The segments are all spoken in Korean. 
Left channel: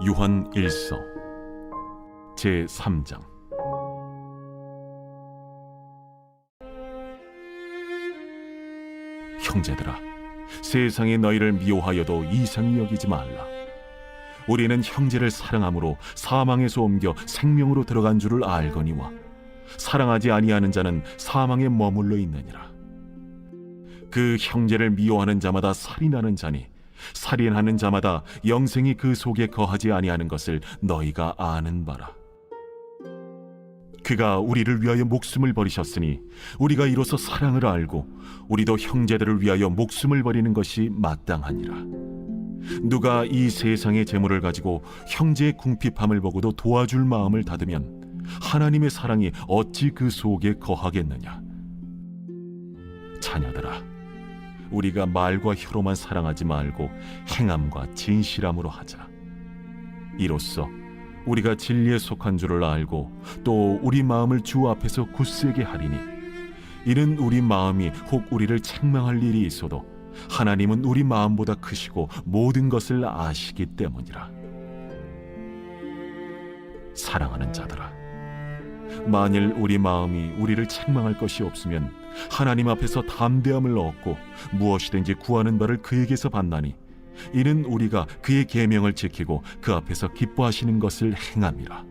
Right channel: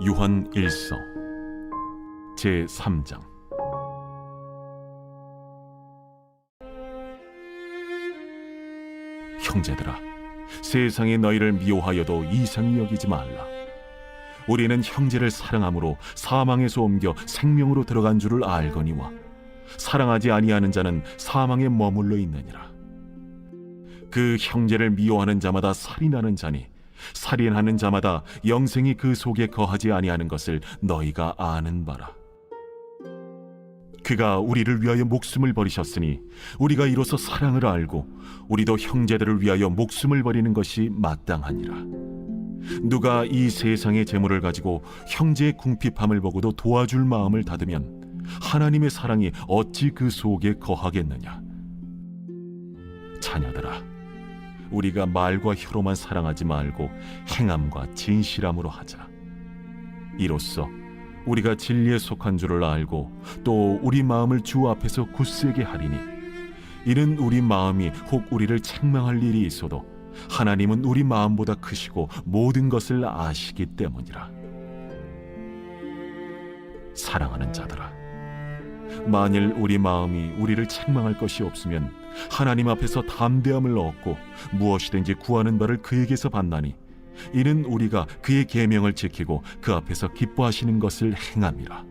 요한 1서 제3장. 형제들아, 세상이 너희를 미워하여도 이상히 여기지 말라. 우리는 형제를 사랑함으로 사망에서 옮겨 생명으로 들어간 줄을 알거니와 사랑하지 아니하는 자는 사망에 머물러 있느니라. 그 형제를 미워하는 자마다 살인하는 자니 살인하는 자마다 영생이 그 속에 거하지 아니하는 것을 너희가 아는 바라. 그가 우리를 위하여 목숨을 버리셨으니 우리가 이로써 사랑을 알고 우리도 형제들을 위하여 목숨을 버리는 것이 마땅하니라. 누가 이 세상의 재물을 가지고 형제의 궁핍함을 보고도 도와줄 마음을 닫으면 하나님의 사랑이 어찌 그 속에 거하겠느냐. 자녀들아, 우리가 말과 혀로만 사랑하지 말고 행함과 진실함으로 하자. 이로써 우리가 진리에 속한 줄을 알고 또 우리 마음을 주 앞에서 굳세게 하리니, 이는 우리 마음이 혹 우리를 책망할 일이 있어도 하나님은 우리 마음보다 크시고 모든 것을 아시기 때문이라. 사랑하는 자들아, 만일 우리 마음이 우리를 책망할 것이 없으면 하나님 앞에서 담대함을 얻고 무엇이든지 구하는 바를 그에게서 받나니, 이는 우리가 그의 계명을 지키고 그 앞에서 기뻐하시는 것을 행함이라.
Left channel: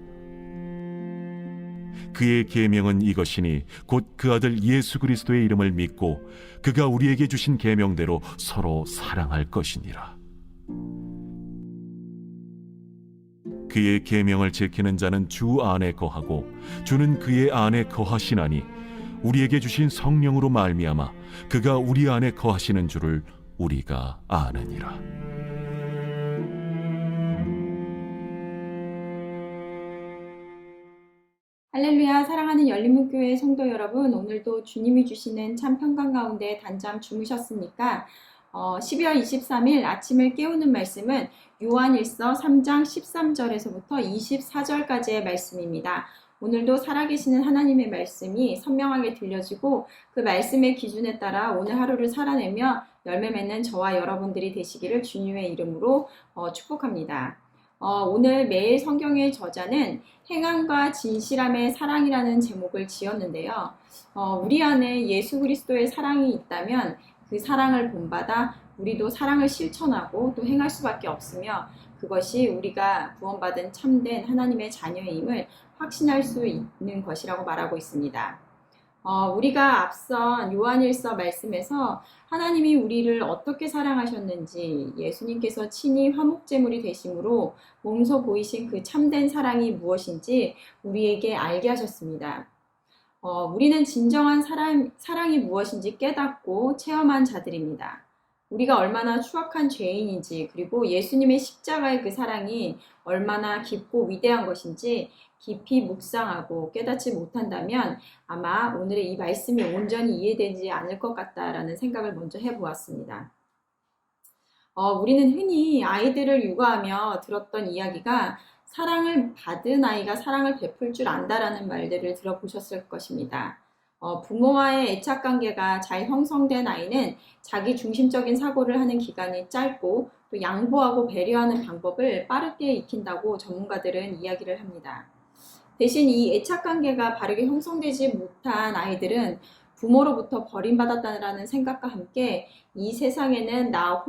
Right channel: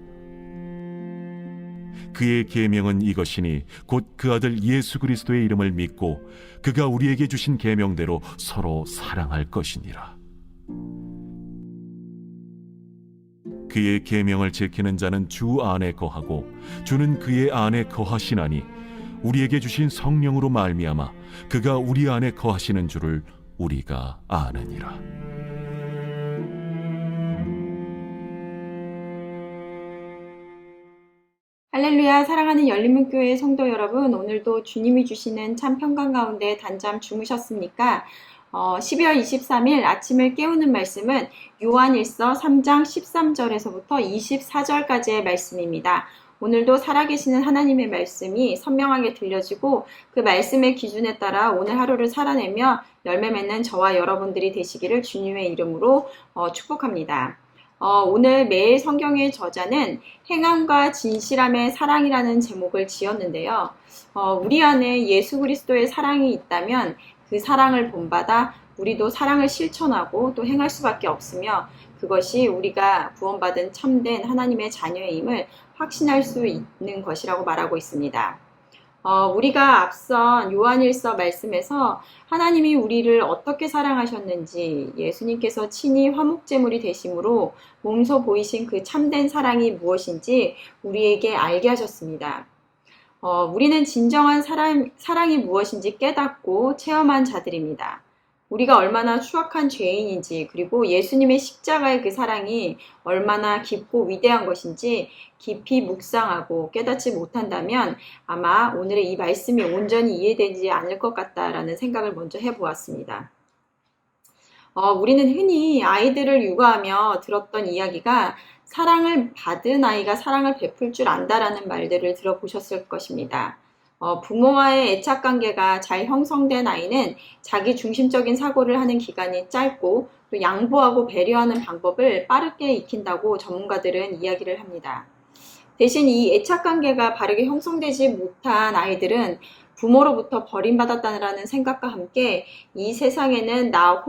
그의 계명은 이것이니 곧 그 아들 예수 그리스도의 이름을 믿고 그가 우리에게 주신 계명대로 서로 사랑할 것이니라. 그의 계명을 지키는 자는 주 안에 거하고 주는 그의 안에 거하시나니, 우리에게 주신 성령으로 말미암아 그가 우리 안에 거하시는 줄을 우리가 아느니라. 할렐루야. 사랑하는 열린문교회 성도 여러분, 오늘도 주님이 주시는 참 평강 가운데 단잠 주무셨습니까? 12월 23일 아침을 깨우는 말씀은 요한일서 3장 13절에서부터 24절까지의 말씀입니다. 오늘도 살아계시는 하나님의 말씀이 선명하게 들려지고 그 말씀의 기준에 따라 오늘 하루를 살아내며 열매 맺는 저와 여러분들이 되시기를 주님의 이름으로 축복합니다. 오늘 매일 성경의 저자는 행함과 진실함의 사랑이라는 제목을 지었는데요. 우리 안에 예수 그리스도의 사랑이 있다면 그 사랑을 본받아 우리도 사랑을 실천하고 또 행할 수밖에 없으며, 그것이 우리가 구원받은 참된 하나님의 자녀임을 확신할 수 있는 것이라고 말하고 있습니다. 우리가 앞선 요한일서 말씀에서 하나님이 우리를 어떻게 사랑하셨는지, 예수님께서 친히 화목제물이 되심으로 몸소 보이신 그 참된 사랑이 무엇인지 우리에게 알게 하셨습니다. 우리는 진정한 사랑이 무엇인지 깨닫고 체험한 자들입니다. 우리가 얼마나 추악한 죄인인지, 그리고 예수님의 십자가의 그 사랑이 얼마나 깊고 위대한 것인지 깊이 묵상하고 깨닫지 못한다면 아마 오늘의 이 말씀이 온전히 이해되지 않을 것 같다라는 생각을 먼저 해보았습니다. 우리는 흔히 아이들을 육아하며 들었던 이야기가 사랑을 받은 아이가 사랑을 베풀 줄 안다라는 말들을 들어보셨을 것입니다. 부모와의 애착관계가 잘 형성된 아이는 자기 중심적인 사고를 하는 기간이 짧고 또 양보하고 배려하는 방법을 빠르게 익힌다고 전문가들은 이야기를 합니다. 대신 이 애착관계가 바르게 형성되지 못한 아이들은 부모로부터 버림받았다는 생각과 함께 이 세상에는 나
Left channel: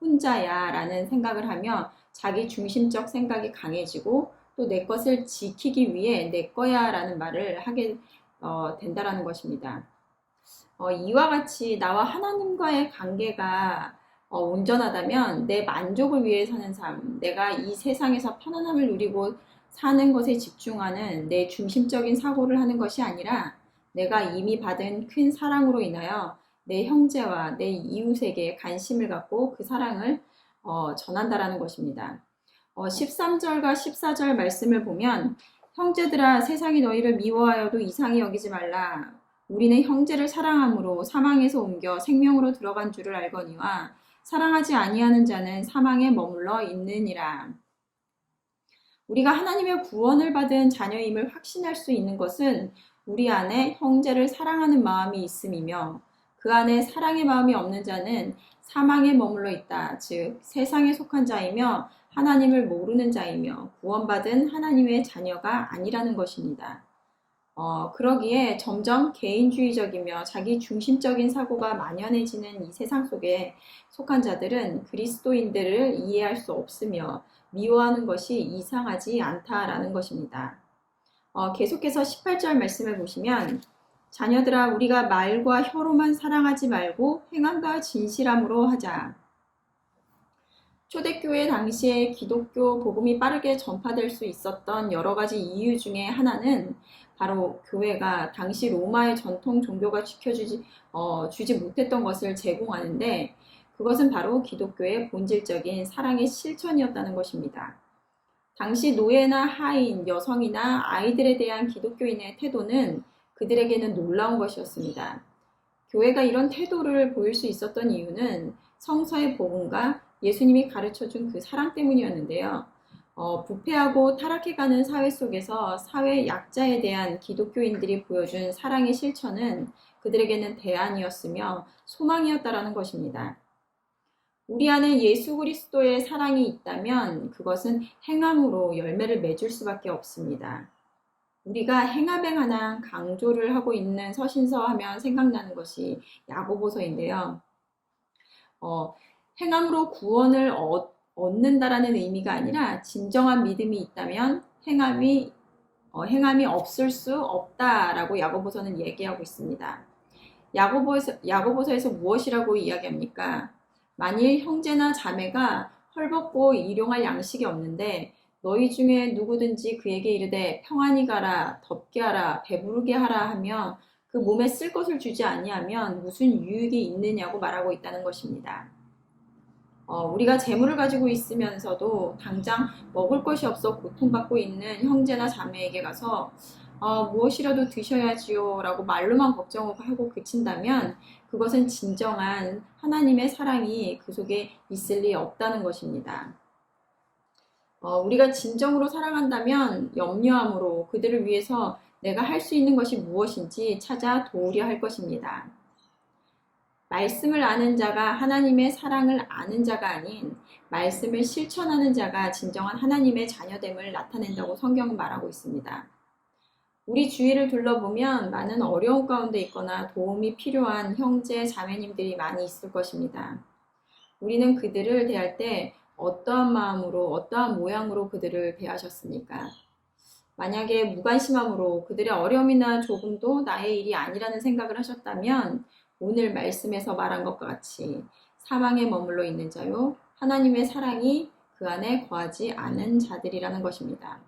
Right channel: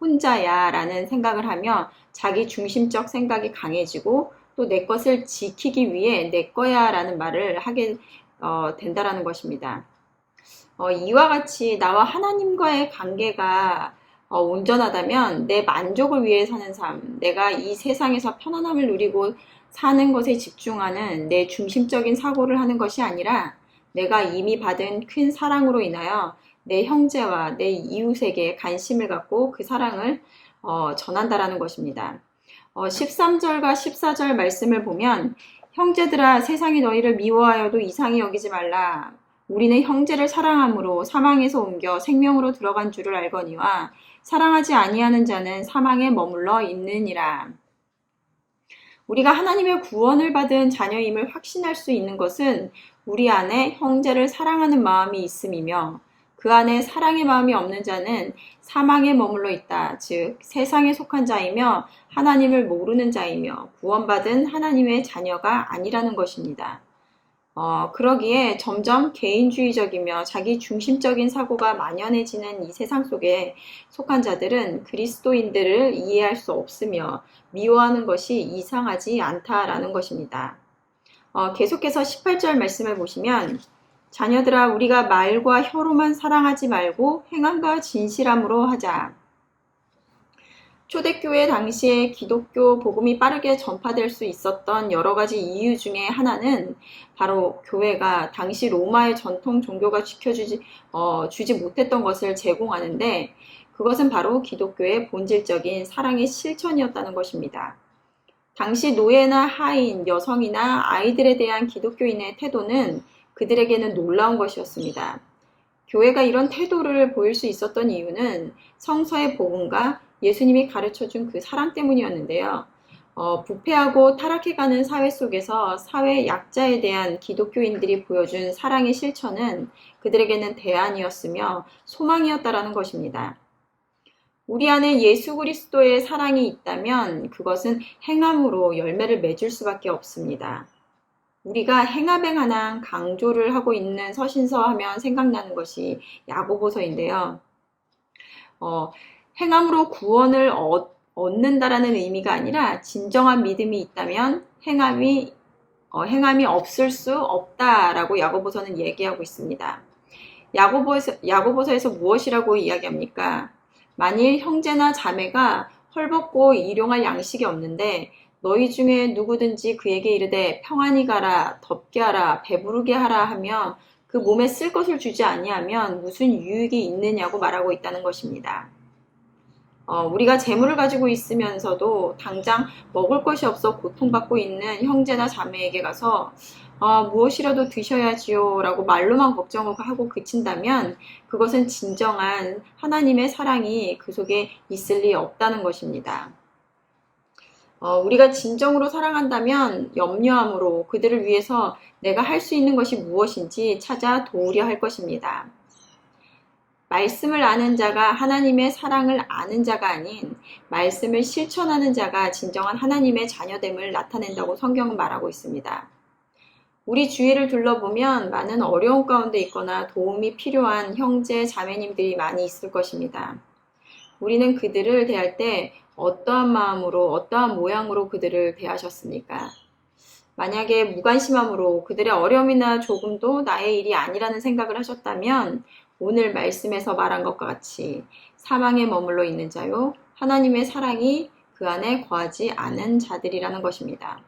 혼자야 라는 생각을 하며 자기 중심적 생각이 강해지고 또 내 것을 지키기 위해 내 거야 라는 말을 하게 된다라는 것입니다. 이와 같이 나와 하나님과의 관계가 온전하다면 내 만족을 위해 사는 삶, 내가 이 세상에서 편안함을 누리고 사는 것에 집중하는 내 중심적인 사고를 하는 것이 아니라 내가 이미 받은 큰 사랑으로 인하여 내 형제와 내 이웃에게 관심을 갖고 그 사랑을 전한다라는 것입니다. 13절과 14절 말씀을 보면, 형제들아, 세상이 너희를 미워하여도 이상히 여기지 말라. 우리는 형제를 사랑함으로 사망에서 옮겨 생명으로 들어간 줄을 알거니와 사랑하지 아니하는 자는 사망에 머물러 있느니라. 우리가 하나님의 구원을 받은 자녀임을 확신할 수 있는 것은 우리 안에 형제를 사랑하는 마음이 있음이며, 그 안에 사랑의 마음이 없는 자는 사망에 머물러 있다. 즉 세상에 속한 자이며 하나님을 모르는 자이며 구원받은 하나님의 자녀가 아니라는 것입니다. 그러기에 점점 개인주의적이며 자기 중심적인 사고가 만연해지는 이 세상 속에 속한 자들은 그리스도인들을 이해할 수 없으며 미워하는 것이 이상하지 않다라는 것입니다. 계속해서 18절 말씀을 보시면 자녀들아 우리가 말과 혀로만 사랑하지 말고 행함과 진실함으로 하자. 초대교회 당시에 기독교 복음이 빠르게 전파될 수 있었던 여러 가지 이유 중에 하나는 바로 교회가 당시 로마의 전통 종교가 주지 못했던 것을 제공하는데 그것은 바로 기독교의 본질적인 사랑의 실천이었다는 것입니다. 당시 노예나 하인, 여성이나 아이들에 대한 기독교인의 태도는 그들에게는 놀라운 것이었습니다. 교회가 이런 태도를 보일 수 있었던 이유는 성서의 복음과 예수님이 가르쳐준 그 사랑 때문이었는데요. 부패하고 타락해가는 사회 속에서 사회 약자에 대한 기독교인들이 보여준 사랑의 실천은 그들에게는 대안이었으며 소망이었다라는 것입니다. 우리 안에 예수 그리스도의 사랑이 있다면 그것은 행함으로 열매를 맺을 수밖에 없습니다. 우리가 행하뱅하나 강조를 하고 있는 서신서 하면 생각나는 것이 야고보서인데요. 행함으로 구원을 얻는다라는 의미가 아니라 진정한 믿음이 있다면 행함이 없을 수 없다라고 야고보서는 얘기하고 있습니다. 야고보서에서 무엇이라고 이야기합니까? 만일 형제나 자매가 헐벗고 일용할 양식이 없는데 너희 중에 누구든지 그에게 이르되 평안히 가라, 덥게 하라, 배부르게 하라 하며 그 몸에 쓸 것을 주지 아니하면 무슨 유익이 있느냐고 말하고 있다는 것입니다. 우리가 재물을 가지고 있으면서도 당장 먹을 것이 없어 고통받고 있는 형제나 자매에게 가서 무엇이라도 드셔야지요 라고 말로만 걱정하고 그친다면 그것은 진정한 하나님의 사랑이 그 속에 있을 리 없다는 것입니다. 우리가 진정으로 사랑한다면 염려함으로 그들을 위해서 내가 할 수 있는 것이 무엇인지 찾아 도우려 할 것입니다. 말씀을 아는 자가 하나님의 사랑을 아는 자가 아닌 말씀을 실천하는 자가 진정한 하나님의 자녀됨을 나타낸다고 성경은 말하고 있습니다. 우리 주위를 둘러보면 많은 어려움 가운데 있거나 도움이 필요한 형제, 자매님들이 많이 있을 것입니다. 우리는 그들을 대할 때 어떠한 마음으로, 어떠한 모양으로 그들을 대하셨습니까? 만약에 무관심함으로 그들의 어려움이나 조금도 나의 일이 아니라는 생각을 하셨다면 오늘 말씀에서 말한 것과 같이 사망에 머물러 있는 자요 하나님의 사랑이 그 안에 거하지 않은 자들이라는 것입니다.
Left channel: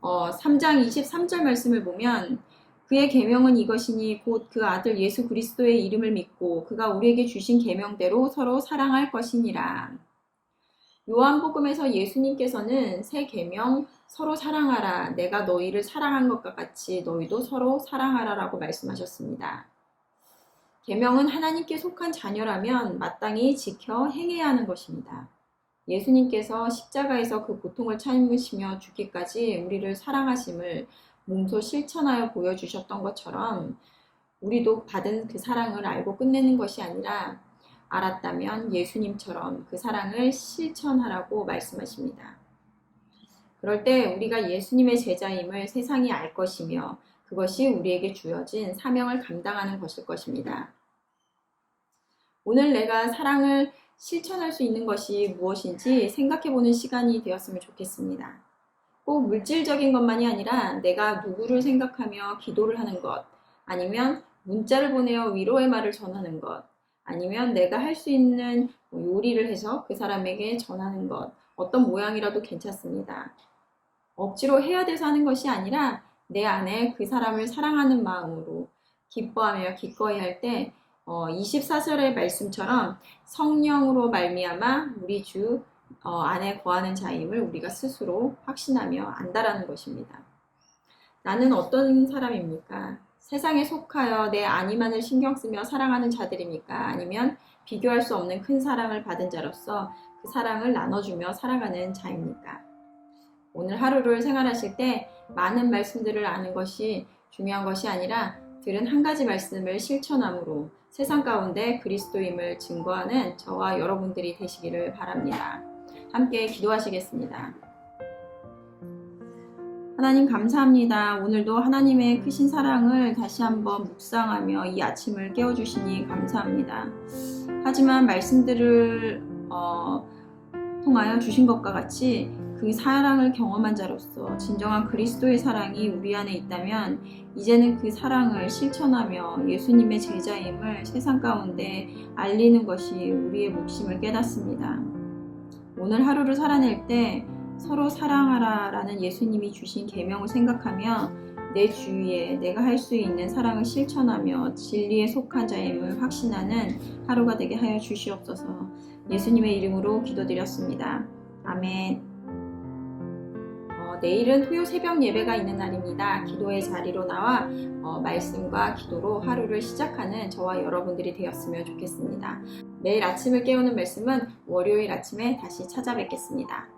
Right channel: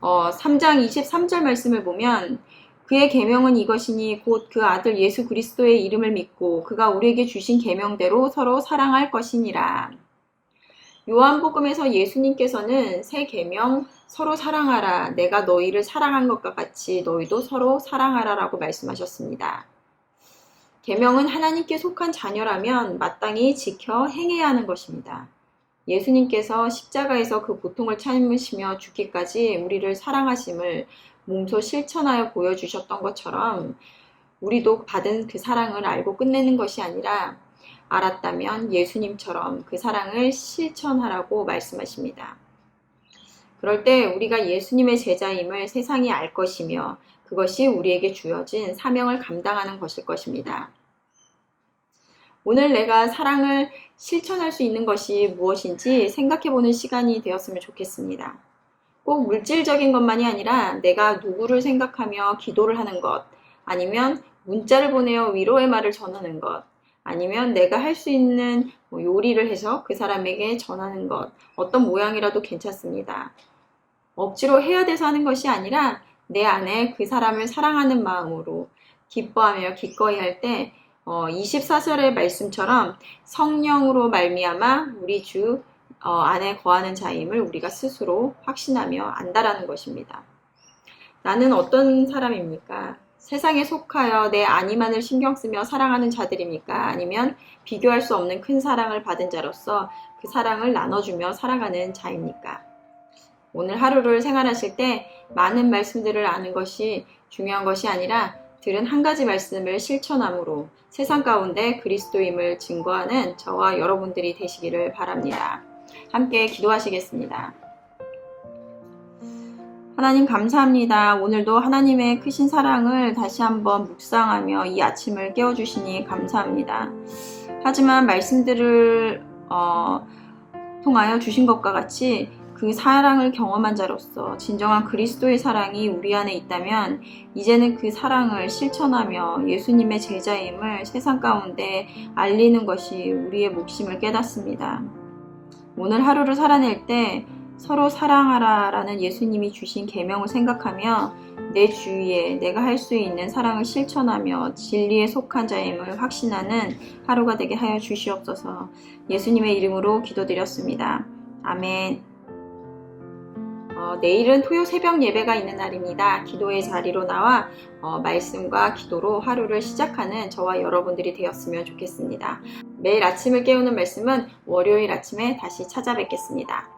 3장 23절 말씀을 보면 그의 계명은 이것이니 곧 그 아들 예수 그리스도의 이름을 믿고 그가 우리에게 주신 계명대로 서로 사랑할 것이니라. 요한복음에서 예수님께서는 새 계명 서로 사랑하라 내가 너희를 사랑한 것과 같이 너희도 서로 사랑하라 라고 말씀하셨습니다. 계명은 하나님께 속한 자녀라면 마땅히 지켜 행해야 하는 것입니다. 예수님께서 십자가에서 그 고통을 참으시며 죽기까지 우리를 사랑하심을 몸소 실천하여 보여주셨던 것처럼 우리도 받은 그 사랑을 알고 끝내는 것이 아니라 알았다면 예수님처럼 그 사랑을 실천하라고 말씀하십니다. 그럴 때 우리가 예수님의 제자임을 세상이 알 것이며 그것이 우리에게 주어진 사명을 감당하는 것일 것입니다. 오늘 내가 사랑을 실천할 수 있는 것이 무엇인지 생각해보는 시간이 되었으면 좋겠습니다. 꼭 물질적인 것만이 아니라 내가 누구를 생각하며 기도를 하는 것, 아니면 문자를 보내어 위로의 말을 전하는 것, 아니면 내가 할 수 있는 요리를 해서 그 사람에게 전하는 것, 어떤 모양이라도 괜찮습니다. 억지로 해야 돼서 하는 것이 아니라 내 안에 그 사람을 사랑하는 마음으로 기뻐하며 기꺼이 할 때 24절의 말씀처럼 성령으로 말미암아 우리 주 안에 거하는 자임을 우리가 스스로 확신하며 안다라는 것입니다. 나는 어떤 사람입니까? 세상에 속하여 내 안위만을 신경 쓰며 사랑하는 자들입니까? 아니면 비교할 수 없는 큰 사랑을 받은 자로서 그 사랑을 나눠주며 살아가는 자입니까? 오늘 하루를 생활하실 때 많은 말씀들을 아는 것이 중요한 것이 아니라 들은 한 가지 말씀을 실천함으로 세상 가운데 그리스도임을 증거하는 저와 여러분들이 되시기를 바랍니다. 함께 기도하시겠습니다. 하나님 감사합니다. 오늘도 하나님의 크신 사랑을 다시 한번 묵상하며 이 아침을 깨워주시니 감사합니다. 하지만 말씀들을 통하여 주신 것과 같이 그 사랑을 경험한 자로서 진정한 그리스도의 사랑이 우리 안에 있다면 이제는 그 사랑을 실천하며 예수님의 제자임을 세상 가운데 알리는 것이 우리의 몫임을 깨닫습니다. 오늘 하루를 살아낼 때 서로 사랑하라 라는 예수님이 주신 계명을 생각하며 내 주위에 내가 할 수 있는 사랑을 실천하며 진리에 속한 자임을 확신하는 하루가 되게 하여 주시옵소서. 예수님의 이름으로 기도드렸습니다. 아멘. 내일은 토요 새벽 예배가 있는 날입니다. 기도의 자리로 나와 말씀과 기도로 하루를 시작하는 저와 여러분들이 되었으면 좋겠습니다. 매일 아침을 깨우는 말씀은 월요일 아침에 다시 찾아뵙겠습니다.